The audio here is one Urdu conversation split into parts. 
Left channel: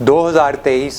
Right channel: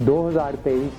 2023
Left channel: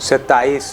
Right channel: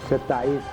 27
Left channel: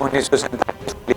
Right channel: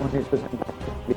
1947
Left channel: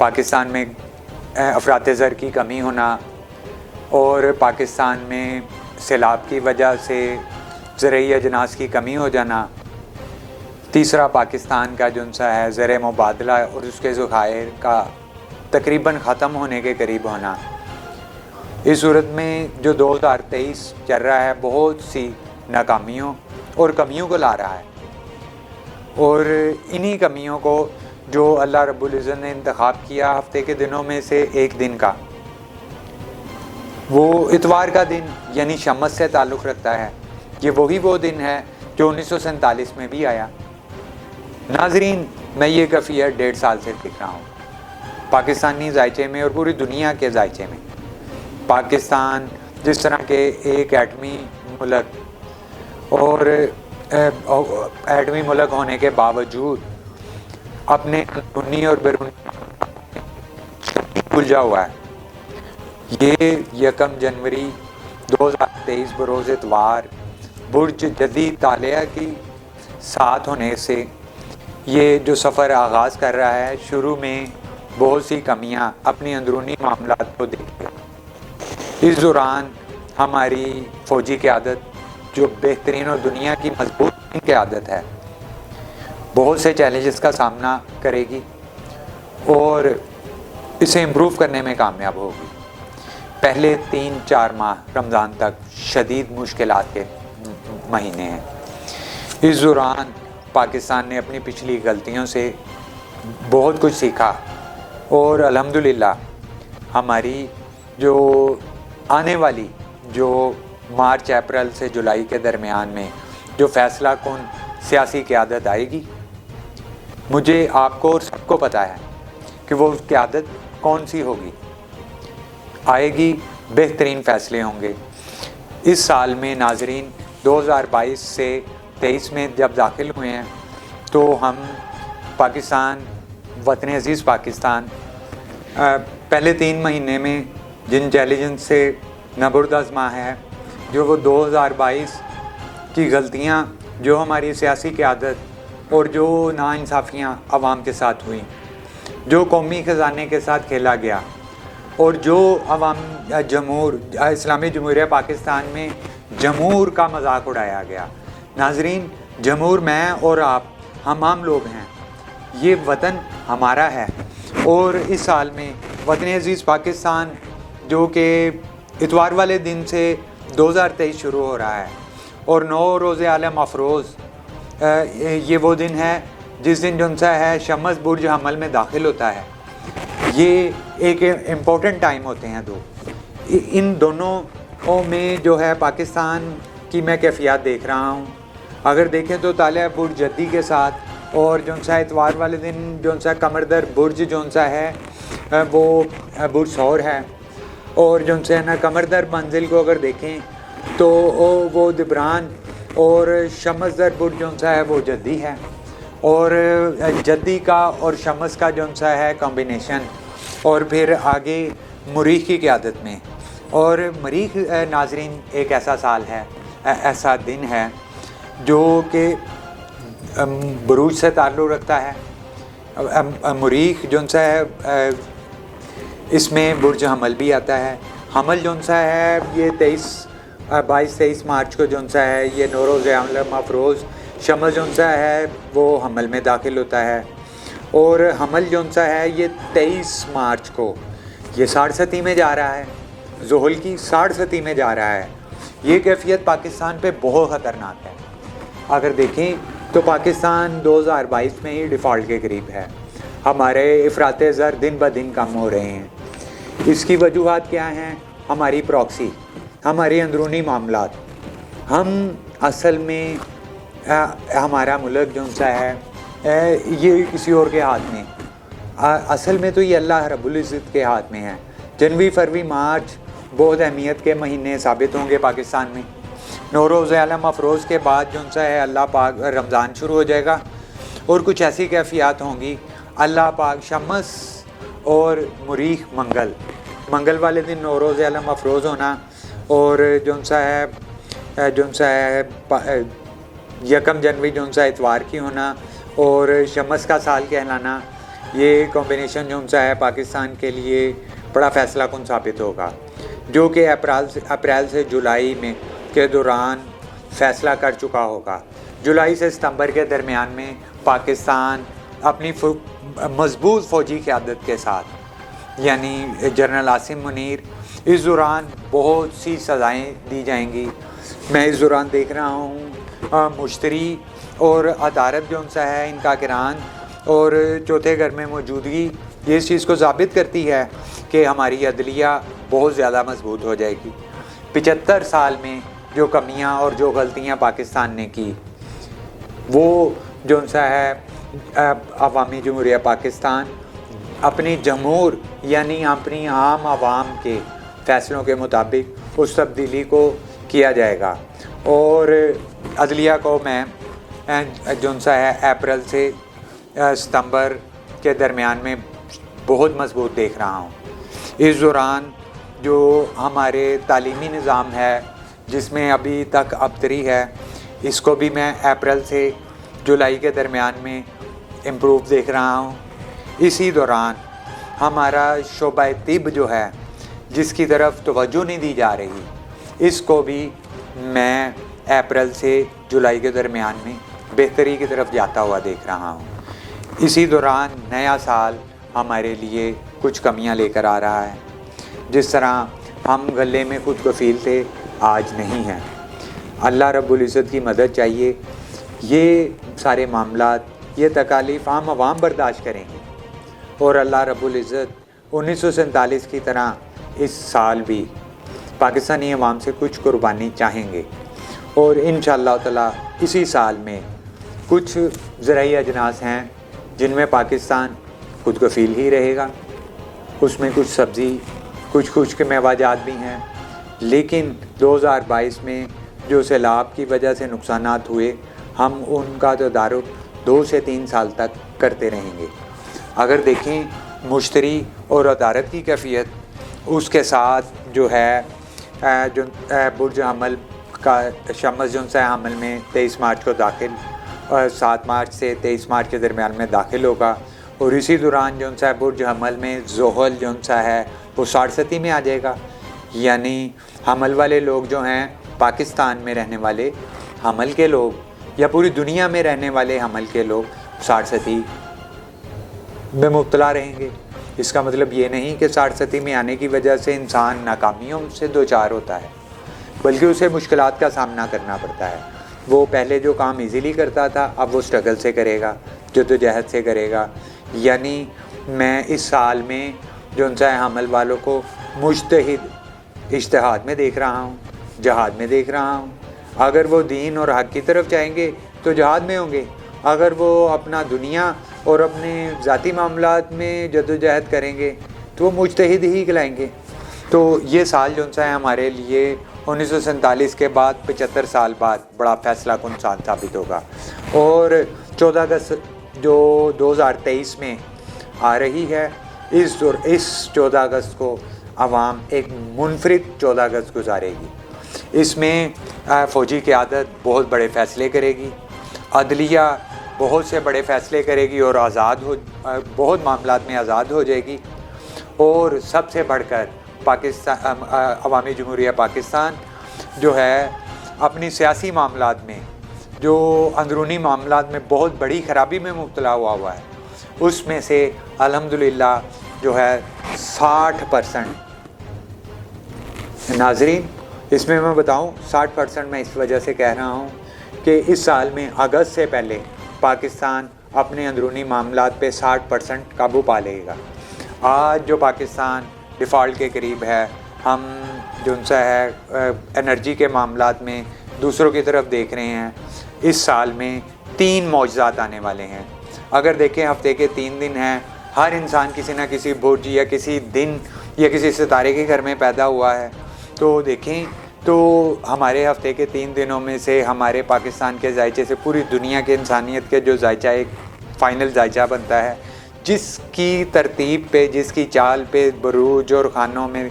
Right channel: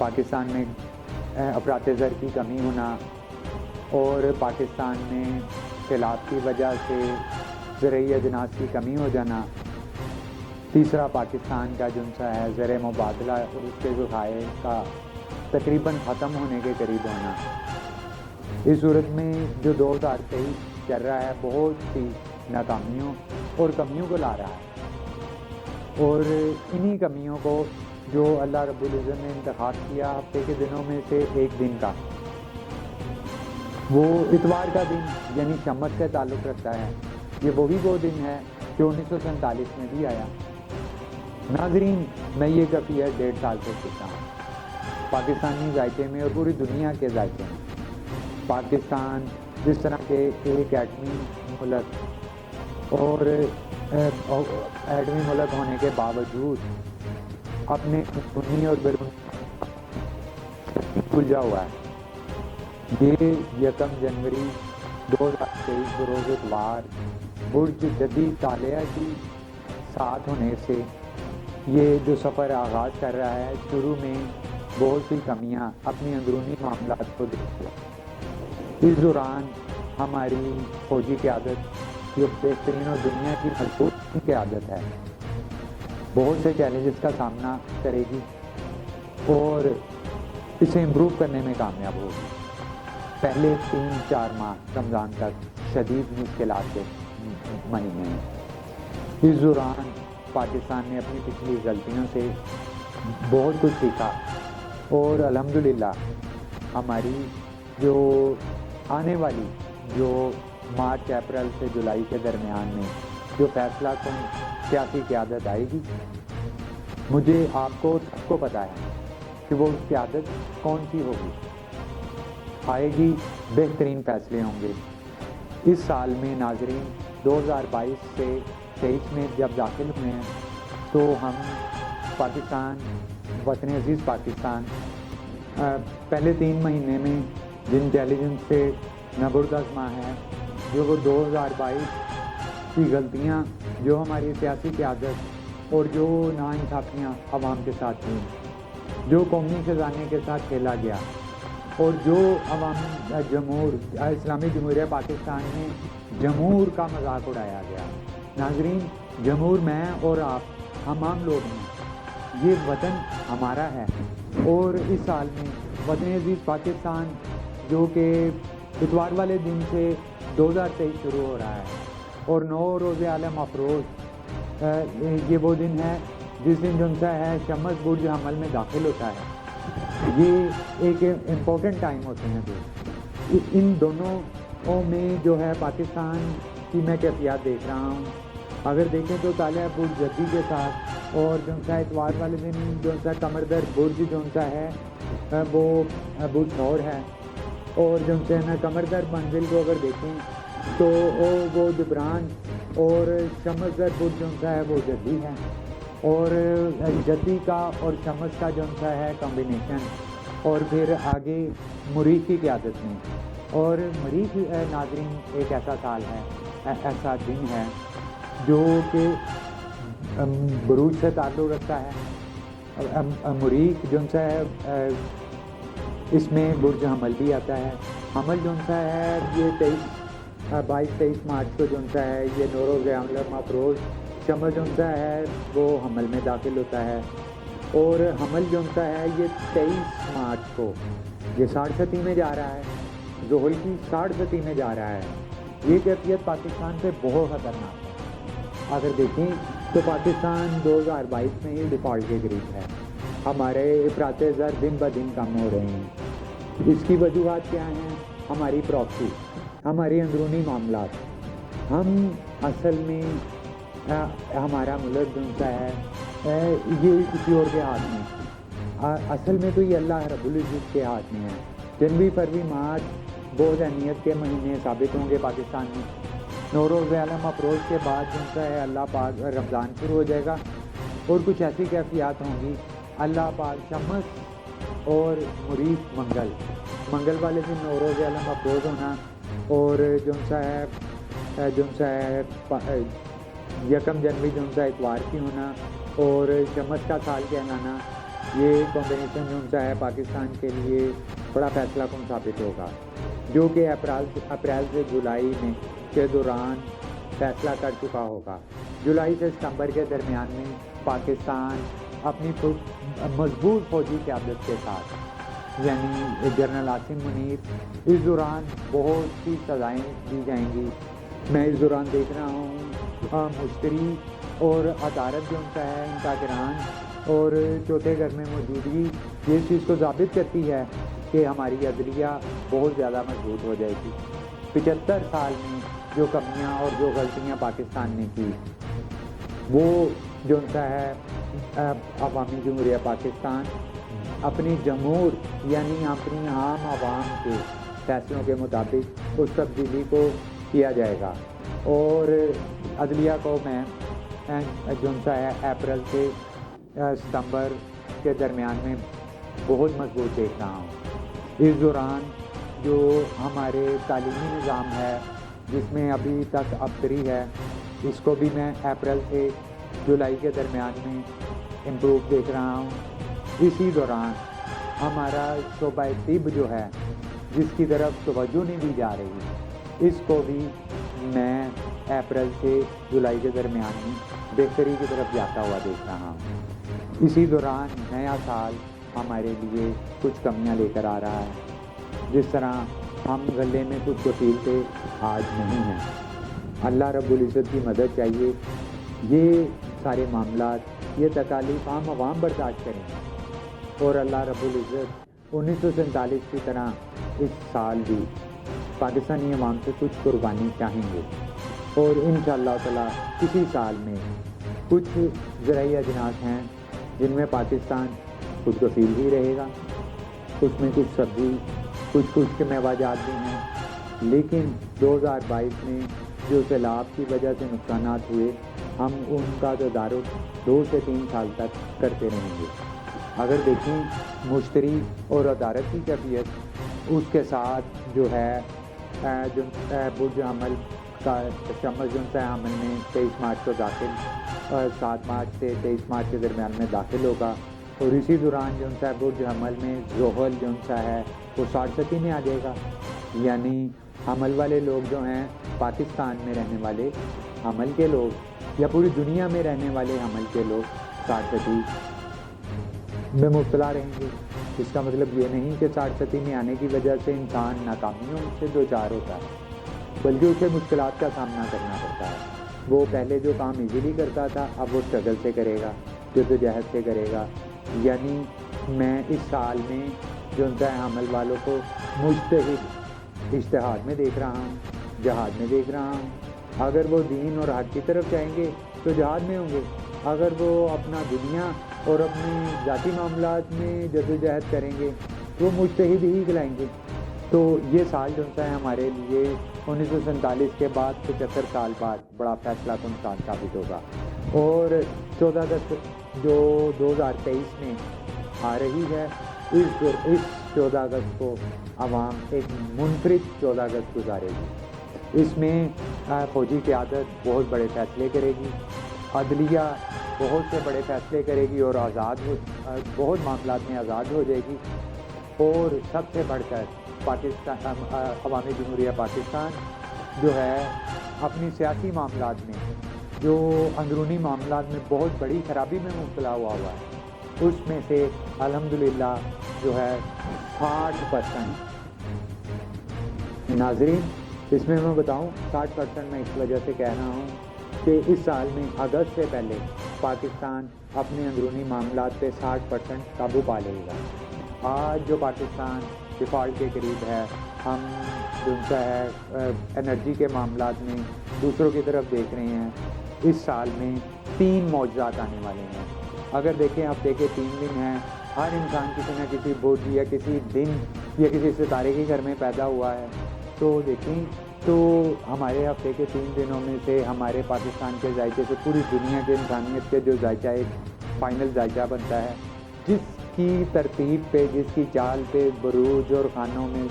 پاکستان میں افراط زر کی کمی ہونا اور پاکستان میں سیلاب کی وجہ سے زرعی اجناس کی کمی ہو جانا، تیسرا پاکستان کا جو ہے زر مبادلہ اور اس کے ذخائر کا تقریباً ختم ہونے کے قریب ہونا، اس صورت میں جو 2023 چل رہا ہے بہت سی ناکامیوں اور کمیوں کو لا رہا ہے، اور انہی کمیوں کو جو اللہ رب العزت نے انتخاب کیا ہفتے کے دنوں میں سے ایک دن کا، وہ اتوار کا دن یعنی شمس سے تعلق رکھتا ہے۔ یہ وہی وہ دن ہے جو 1947 میں بھی آیا۔ ناظرین، میں یہ کیفیت 1.5 سال سے دیکھ رہا ہوں پاکستانی ذائچے میں اور پوری دنیا کے ذائچے میں۔ پاکستان جس طرح کے ایک ایٹمی ملک اور ایٹمی ملک ہونے کے باوجود اپنے اندرونی اور بیرونی الجھا ہوا ہے۔ یہ 1 جنوری 2023 بروز اتوار برج جدی طالعہ کی ساتھ ہونے سے یہ جو سفر آغاز کر رہا ہے، شروع میں بہت سی کمیاں اپنی اندرونی معاملات کو دیکھے۔ اس دوران ہماری فوجی قیادت جو بہترین اور دنیا کی مضبوط قیادت ہے، بہت سے چیلنجز کا سامنا کرے گی اور اسے امپروو کرنے میں کامیاب ہوگی۔ پہلے 3-4 ماہ رمضان تک شدید مشکلات کے مہینے ہیں۔ اس دوران پاکستان نے اپنی پچھلی غلطیوں سے بہت کچھ سیکھا اور الحمدللہ ہماری جو آنے والی جو مارچ اپریل سے جولائی کے درمیان میں جو فیصلہ کن سیاسی قیادت آئے گی، مجھے آپ کو اور سب کو پتہ ہے کہ وہ قیادت کون سی ہوگی، آئے گی، بہترین فیصلے ہوں گے۔ اس سال میں ناظرین 2022 سے 23 میں جب داخل ہوئے ہیں تو ہم پاکستان، وطن عزیز پاکستان، پہلے 3 مہینے میں جن چیلنجز سے نبردآزما ہے، جو وہ 2022 کی غلطیاں جو ہماری سیاسی قیادت اور جو ناانصافیاں عوام کے ساتھ ہوئیں، جو قومی خزانے کے ساتھ کھیلا گیا اور جو اسلامی جمہوریہ پاکستان میں جمہور کا مذاق اڑایا گیا۔ ناظرین، جمہور میں اور آپ، ہم عام لوگ ہیں، یہ وطن ہمارا ہے، اور اس سال میں وطن عزیز پاکستان جو کہ اتوار والے دن سے 2023 شروع ہو رہا ہے اور 9 روز عالم افروز، یہ وہ دن ہے جس دن جونسا ہے شمس برج حمل میں داخل ہوتا ہے۔ یہ ایک امپورٹنٹ ٹائم ہوتے ہیں ان دونوں میں جو ہے پاکستان کی میں کیفیات دیکھ رہا ہوں۔ اگر دیکھیں تو طالعہ برج جدی کے ساتھ اور جونسا اتوار والے دن جونسا قمر در برج جونسا ہے وہ برج ثور ہے، اور جونسا ہے نا قمر در منزل کو اگر دیکھیں تو وہ دبران، اور شمس در برج جونسا ہے وہ جدی ہے، اور جدی کا اور شمس کا جونسا ہے کمبینیشن، اور پھر آگے مریخ کی قیادت میں، اور مریخ ناظرین ایک ایسا سال ہے، ایسا دن ہے جو کہ بروج سے تعلق رکھتا ہے۔ مریخ جونسا ہے اس میں برج حمل بھی آتا ہے۔ حمل جونسا ہے یہ 22-23 مارچ کو جونسا ہے یہ نوروز عالم افروز، شمس جونسا ہے وہ حمل میں داخل ہوتا ہے، اور حمل جونسا ہے یہ 23 مارچ کو یہ 60 میں جا رہا ہے، زحل کی 60 میں جا رہا ہے۔ یہ کیفیت پاکستان پہ بہت خطرناک ہے۔ اگر دیکھیں تو پاکستان 2022 میں ہی ڈیفالٹ کے قریب ہے، ہمارے افراط زر دن بہ دن کم ہو رہے ہیں۔ اس کی وجوہات کیا ہیں؟ ہماری پراکسی، ہماری اندرونی معاملات۔ ہم اصل میں ہمارا ملک جو سا ہے یہ کسی اور کے ہاتھ میں، اصل میں تو یہ اللہ رب العزت کے ہاتھ میں ہے۔ جنوری، فروری، مارچ بہت اہمیت کے مہینے ثابت ہوں گے پاکستان میں۔ نوروز عالم افروز کے بعد جو سا ہے اللہ پاک رمضان شروع ہو جائے گا، اور کچھ ایسی کیفیات ہوں گی، اللہ پاک شمس اور مریخ منگل والے دن نوروز عالم افروز ہونا، اور جون سا ہے 1 جنوری جون سا اتوار کی ہونا، اور شمس کا سال کہلانا، یہ کمبینیشن جو سا ہے پاکستان کے لیے بڑا فیصلہ کن ثابت ہوگا، جو کہ اپریل سے جولائی میں کے دوران فیصلہ کر چکا ہوگا۔ جولائی سے ستمبر کے درمیان میں پاکستان اپنی مضبوط فوجی قیادت کے ساتھ، یعنی جنرل عاصم منیر، اس دوران بہت سی سزائیں دی جائیں گی۔ میں اس دوران دیکھ رہا ہوں مشتری اور عدالت جو سا ہے ان کا کران اور چوتھے گھر میں موجودگی یہ اس چیز کو ثابت کرتی ہے کہ ہماری عدلیہ بہت زیادہ مضبوط ہو جائے گی۔ 75 سال میں جو کمیاں اور جو غلطیاں پاکستان نے کی، وہ جو سا ہے عوامی جمہوریہ پاکستان اپنی جمہور یعنی اپنی عام عوام کے فیصلوں کے مطابق اس تبدیلی کو کیا جائے گا، اور عدلیہ کو میں جو سا ہے اپریل سے ستمبر کے درمیان میں بہت مضبوط دیکھ رہا ہوں۔ اس دوران جو ہمارے تعلیمی نظام ہے جس میں ابھی تک ابتری ہے، اس کو بھی میں اپریل سے جولائی کے درمیان میں امپروو دیکھ رہا ہوں۔ اسی دوران ہمارا شعبہ طب جو ہے جس کی طرف توجہ نہیں دی جا رہی، اس کو بھی میں اپریل سے جولائی کے درمیان میں بہتری کی طرف جاتا ہوا دیکھ رہا ہوں۔ اسی دوران نیا سال ہمارے لیے کچھ کمیاں لے کر آ رہا ہے۔ جس طرح ہم غلے میں خود کفیل تھے، آج نہیں ہیں۔ اللہ رب العزت کی مدد چاہیے۔ یہ سارے معاملات، یہ تکالیف عام عوام برداشت کریں گے، اور اللہ رب العزت 1947 کی طرح اس سال بھی پاکستانی عوام سے کچھ قربانی چاہیں گے، اور انشاءاللہ تعالی اسی سال میں کچھ زرعی اجناس ہیں جن میں پاکستان خود کفیل ہی رہے گا۔ اس میں کچھ سبزی، کچھ خشک میوہ جات بھی ہیں، لیکن 2022 میں جو سیلاب کی وجہ سے نقصانات ہوئے، ہم ان کا تدارک 2 سے 3 سال تک کرتے رہیں گے۔ اگر دیکھیں مشتری اور عدالت کی کیفیت، اس کے ساتھ جو ہے جو برج حمل کا شمس جو ہے حمل میں 23 مارچ کو داخل، 7 مارچ سے 23 مارچ کے درمیان میں داخل ہوگا، اور اسی دوران جو ہے برج حمل میں زحل جو ہے وہ 60 میں آ جائے گا۔ یعنی حمل والے لوگ جو ہیں پاکستان میں رہنے والے حمل کے لوگ، یا پوری دنیا میں رہنے والے حمل کے لوگ 60 میں مبتلا رہیں گے۔ اس کا مطلب یہ نہیں کہ 60 میں آنے کی وجہ سے انسان ناکامیوں سے دوچار ہوتا ہے، بلکہ اسے مشکلات کا سامنا کرنا پڑتا ہے۔ وہ پہلے جو کام ایزیلی کرتا تھا، اب وہ سٹرگل سے کرے گا، جدوجہد سے کرے گا۔ یعنی میں اس سال میں جو ہے حمل والوں کو مجتہد اجتہاد میں دیکھ رہا ہوں، جہاد میں دیکھ رہا ہوں۔ اگر وہ دین اور حق کی طرف جائیں گے تو جہاد میں ہوں گے، اگر وہ اپنا دنیا اور اپنے ذاتی معاملات میں جدوجہد کریں گے تو وہ مجتہد ہی کہلائیں گے۔ تو یہ سال جو ہے ہمارے لیے 1947 کے بعد 75 سال بعد بڑا فیصلہ کن سال ثابت ہوگا، اور 14 اگست جو 2023 میں آ رہی ہے، اس 14 اگست کو عوام ایک منفرد 14 اگست گزارے گی۔ اس میں فوجی قیادت بہت بڑے فیصلے کرے گی، عدلیہ بہت سے بڑے فیصلے کرے گی اور بہت معاملات میں آزاد ہو جائے گی، اور سب سے بڑھ کر پاکستان عوامی جمہوریہ پاکستان جو ہے اپنی سیاسی معاملات میں، جو اندرونی معاملات میں بہت بڑی خرابی میں مبتلا ہوا ہے، اس میں سے الحمدللہ جو ہے 60%۔ ناظرین، اس میں بتاؤں 60% میں اس وجہ سے کہہ رہا ہوں کہ اس سال میں اگست سے پہلے پاکستان اپنے اندرونی معاملات پہ 60% قابو پا لے گا۔ آج جو پاکستان ڈیفالٹ کے قریب ہے، ہم جو ان سے ہے انرجی کے معاملات میں دوسروں کی طرف دیکھ رہے ہیں۔ اس سال میں 3 معجزات آنے والے ہیں۔ اگر دیکھیں ہفتے کے 3 دن ہیں، ہر انسان کسی نہ کسی برج یا کسی دن یا کسی ستارے کے گھر میں پیدا ہوا ہے، تو دیکھیں تو ہمارے ہفتے کے 3 دنوں میں سے ہمارے پاکستان کے ذائچے سے پوری دنیا کے انسانیت کے جو ذائچہ ایک فائنل ذائچہ بنتا ہے، جس کی ترتیب پہ، جس کی چال پہ بروج اور خانوں میں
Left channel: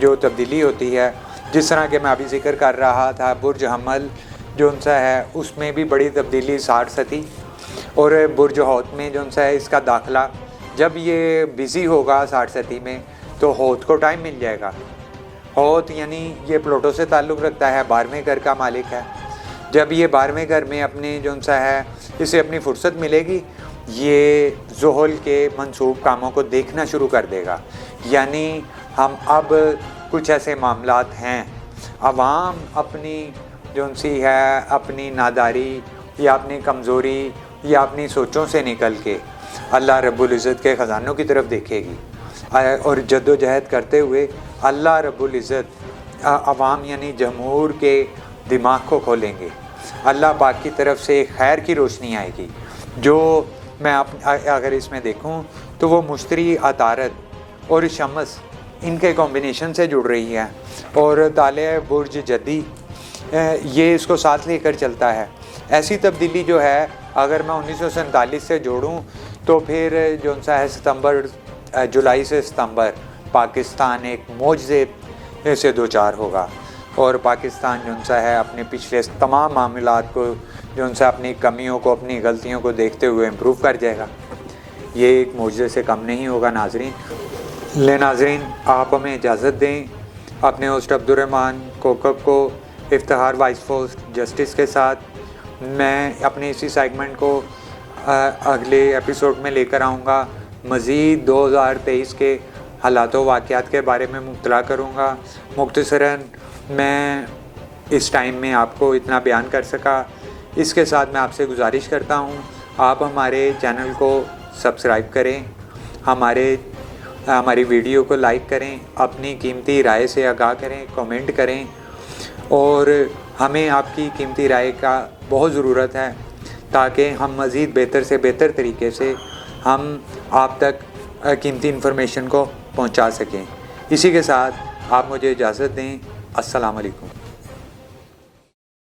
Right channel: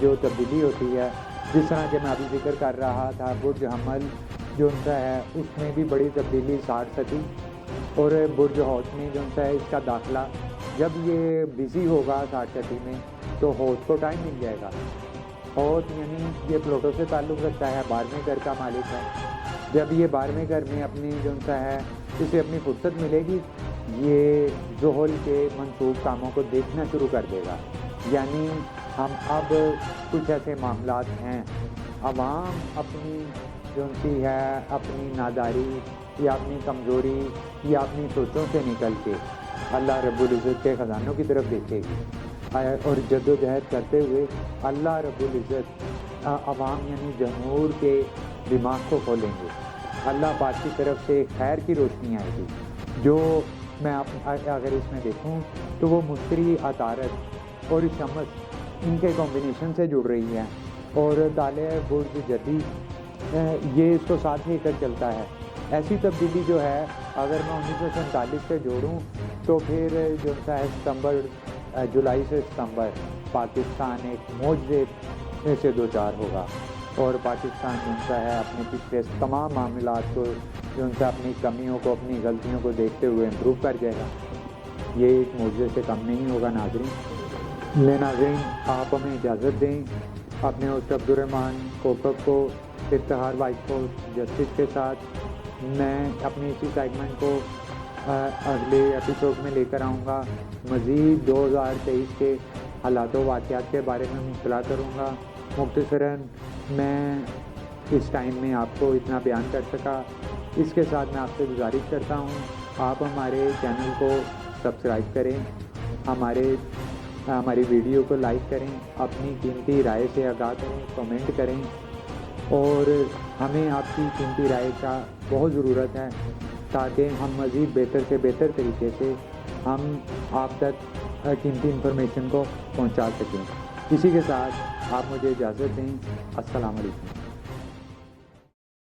جو تبدیلی ہوتی ہے، جس طرح کہ میں ابھی ذکر کر رہا تھا برج حمل جو ان سا ہے اس میں بھی بڑی تبدیلی 60 تھی، اور برج حوت میں جو ان سا ہے اس کا داخلہ جب یہ بزی ہوگا 60 میں تو ہوت کو ٹائم مل جائے گا. ہوت یعنی یہ پلوٹو سے تعلق رکھتا ہے, 12ویں گھر کا مالک ہے. جب یہ 12ویں گھر میں اپنے جو سا ہے اسے اپنی فرصت ملے گی, یہ زحل کے منسوب کاموں کو دیکھنا شروع کر دے گا. یعنی ہم اب کچھ ایسے معاملات ہیں, عوام اپنی جو سی ہے اپنی ناداری یا اپنی کمزوری یا اپنی سوچوں سے نکل کے اللہ رب العزت کے خزانوں کی طرف دیکھے گی, اور جد و جہد کرتے ہوئے اللہ رب العزت عوام یعنی جمہور کے دماغ کو کھولیں گے. اللہ پاک کی طرف سے خیر کی روشنی آئے گی, جو میں اگر اس میں دیکھوں تو وہ مشتری, عطارد اور شمس ان کے کمبینیشن سے جڑ رہی ہے, اور طالع برج جدی یہ اس کو ساتھ لے کر چلتا ہے. ایسی تبدیلی جو ہے اگر میں 1947 سے جوڑوں تو پھر جو سا ہے جولائی سے ستمبر پاکستان ایک معجزے سے دوچار ہوگا, اور پاکستان جو سا ہے اپنے پچھلے تمام معاملات کو جو سا اپنی کمیوں کو اپنی غلطیوں کو دیکھتے ہوئے امپروو کر جائے گا. یہ ایک معجزے سے کم نہیں ہوگا ناظرین. ناظرین آپ ہمیں اجازت دیں اپنے ہوسٹ عبدالرحمن کوکب کو افتخار وائس پوسٹ جسٹس کے ساتھ. میں اپنے اسی سیگمنٹ کو اگلے ایپیسوڈ میں لے کر آؤں گا, مزید 2023 کے حالات و واقعات کے بارے میں مطلع کروں گا. مختصراً میں اس ٹائم میں آپ کو اتنا بیان کر سکا. اس کے ساتھ میں آپ سے گزارش کرتا ہوں آپ ہمارے چینل کو سبسکرائب کریں, ہماری ویڈیو کو لائک کریں, اپنی قیمتی رائے سے آگاہ کریں, کمنٹ کریں, اور ہمیں آپ کی قیمتی رائے کا بہت ضرورت ہے تاکہ ہم مزید بہتر سے بہتر طریقے سے ہم آپ تک قیمتی انفارمیشن کو پہنچا سکیں. اسی کے ساتھ آپ مجھے اجازت دیں. السلام علیکم.